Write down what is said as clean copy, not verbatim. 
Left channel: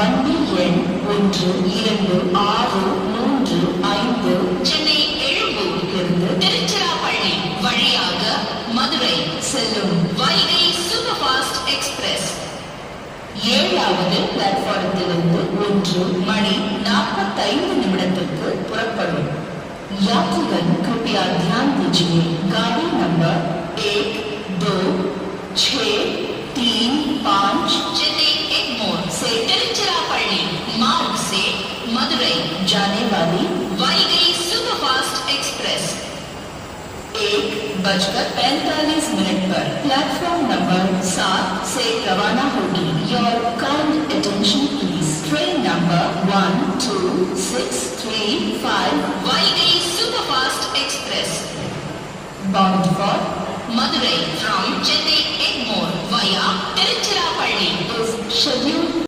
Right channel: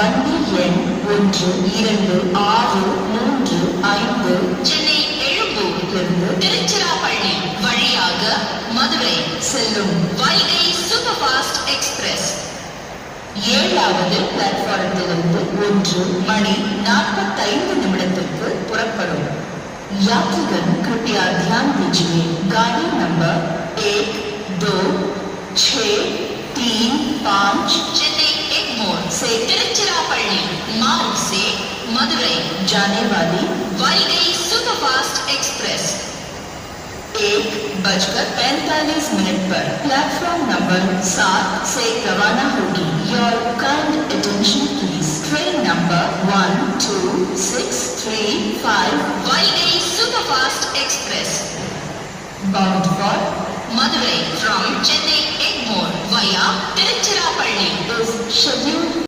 வண்டி எண் 1265 சென்னை எழும்பூரிலிருந்து திருச்சிராப்பள்ளி வழியாக மதுரை செல்லும் வைகை சூப்பர் ஃபாஸ்ட் எக்ஸ்பிரஸ் 7வது பிளாட்பாரத்திலிருந்து 1:45 புறப்படும். यात्रीगण कृपया ध्यान दीजिए, गाड़ी नंबर 1, 2, 6, 3, 5 चेन्नई एग्मोर से तिरुचिरापल्ली मार्ग से मदुरई जाने वाली वैगई सुपरफास्ट एक्सप्रेस 1:45 पर प्लेटफॉर्म नंबर 7 से रवाना होगी. Your kind attention please. Train number 1265 Vaigai superfast express bound for Madurai from Chennai Egmore via Tiruchirappalli is scheduled